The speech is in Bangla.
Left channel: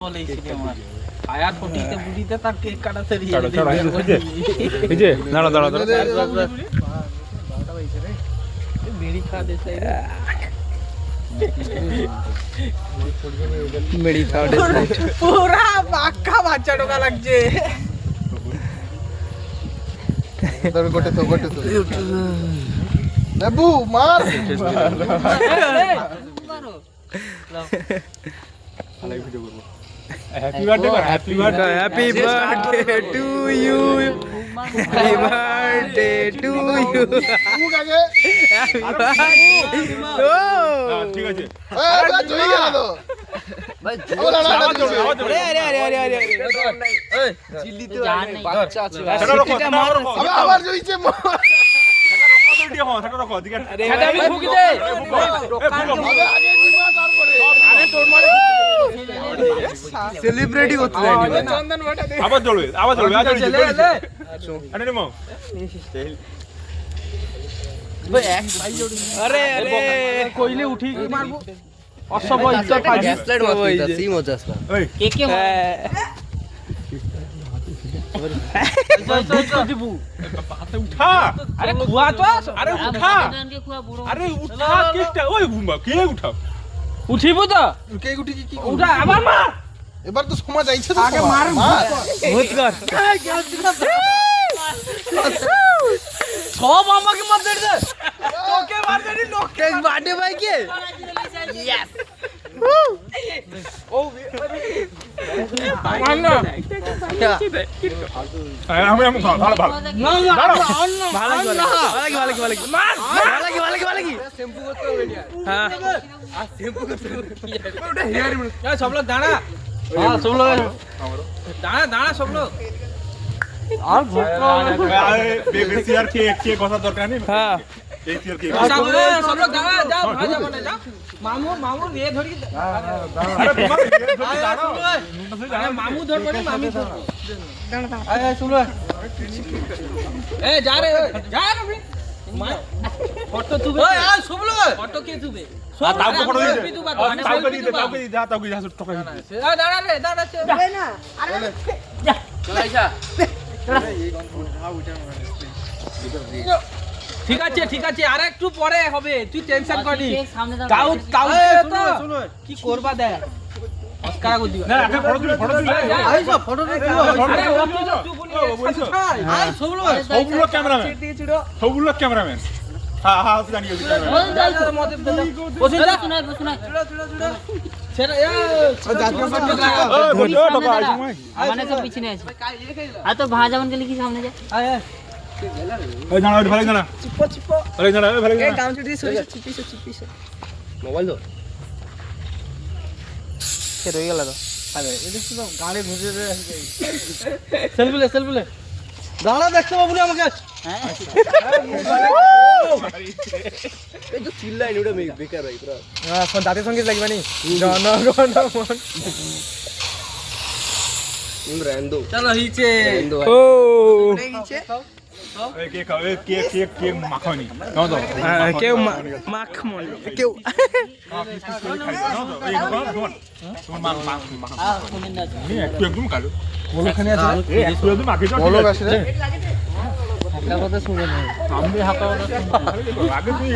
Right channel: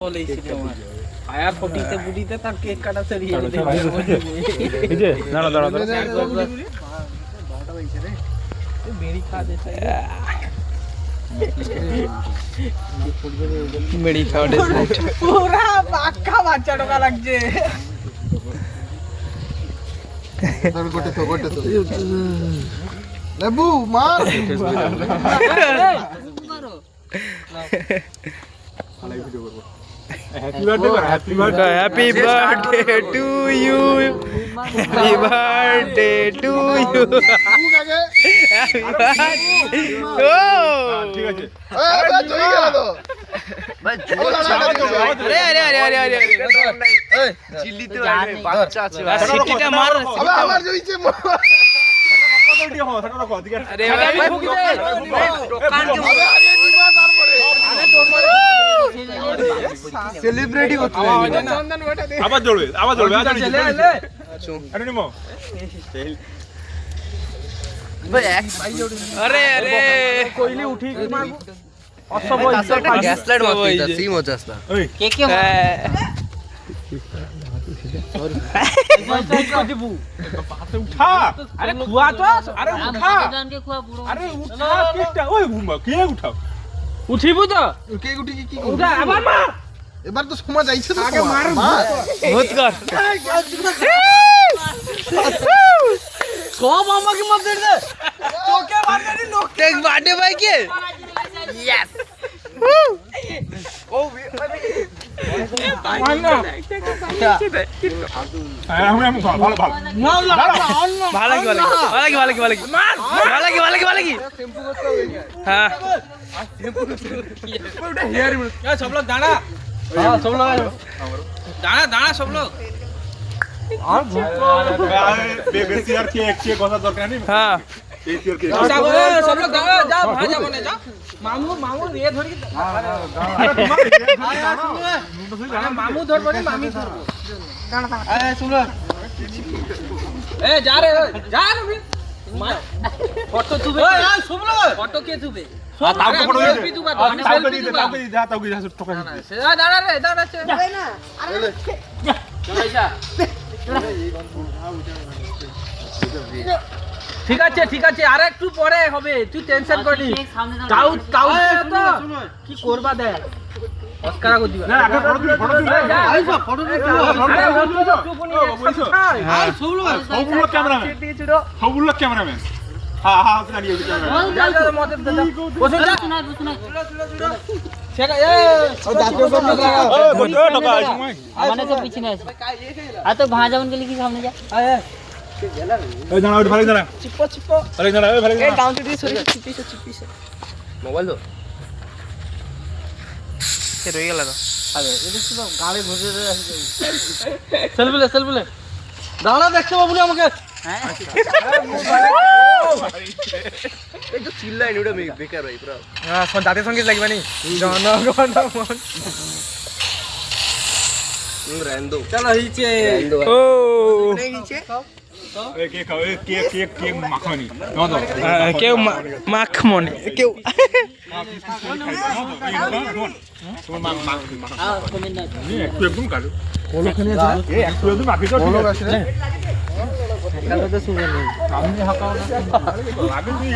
আয়া ফটিতে বুড়িতে তার কেক কাটা সেরিয়ে এই যে দাঁড়া দাঁড়া মেরি খা দেছে মেরি খাওয়া দেছে পুরা বাক্কা বাচ্চা ঢোকা লাগছে গোটে তো নেবু মার মারো happy birthday to you happy birthday to you ঠিক আছে বাচ্চা আছে সিটিটা মার আমার জইছে আরে ভাই সেলিব্রিটি হচ্ছে আবার জ্বলবে আরে নেমো আরে আরে কইলি উঠি অসব গ্যাস লাইট মারতে সেই মজা আসতা ওই কে কে উঠা আরে খুয়া তো আরে উঠা আরে উঠা কেকটা ওই বুম্বা কে উঠা উঠিবো তো কে গুটি কি উঠা আবার মা এবার তো সময় যাইছে তো আগে মার বহুত কর সব আমাকে মার দে তোকে মার দে কেক বার্থডে ভাই কে ইয়েস ও মার না আমি ভালো ভালো না না ভালো মার ভালো কি হ্যাঁ सब लोग दाना हाँ सब लोग दाना दाना सब लोग বেশি আর কেক কথা দরকার নেই हाँ বেশি আর কেক सब लोग दाना जा भाजा बने जा मामू मामू ये थोड़ी আরে তোমার अरे मामू धर बने मामी धर दाना दाना ए सुन लो ए जा रे फोटो तुबे यार सुन लो फोटो के तुबे তাও তো ফটো দিতে তাও দিতে তাও কি যা টাকা দিতে দাঁড়া রে দাঁড়া না আরে ঠিক আছে আর একটু পরে হবে তুই টেনশন করিস তাও তাও তো কি করবা দেখ অস্কার কো দিবা না আগে ফটো দিবি আইসা ফটো আরে ও তো চুপ নি হ্যাঁ সবগুলো ক্যামেরাম্যান সবগুলো ক্যামেরাম্যান হ্যাঁ হ্যাঁ জানি যা যা মতে দে বসে যা সেটা এ জাতীয় টাকা সময় মানে তো পিছনে আছে আর তো ভাজা বন গেলে কি সামনে যা ওই দাঁড়া ওই ভালো দাঁড়া চিপো চিপো ভালো দাঁড়া ওই ভালো এই দাঁড়া কাউন্টার দিয়ে সরে চিপিছে মোবাইল তো সে রয়ে গেল তো আরে এটা কি গাড়ি ঘুরে রে আসছে সেলফি লে দাঁড়া দেখতে পাবো না আমাকে এই তো চিল্লাই ওটা বেকার ভাই পুরো হ্যাঁ জাতীয় সঙ্গীত লাগবে নি র্যান্ডো চলো হিচে ও হিচে এই কেক খাও এই কেক মাখনি নাও দাও কেউ মাখমনি কেউ একটু একদম কালো ওখানে আছে এই একটু একদম মাখিস বলো আসলে সামনে হাঁকাও না আগে তুই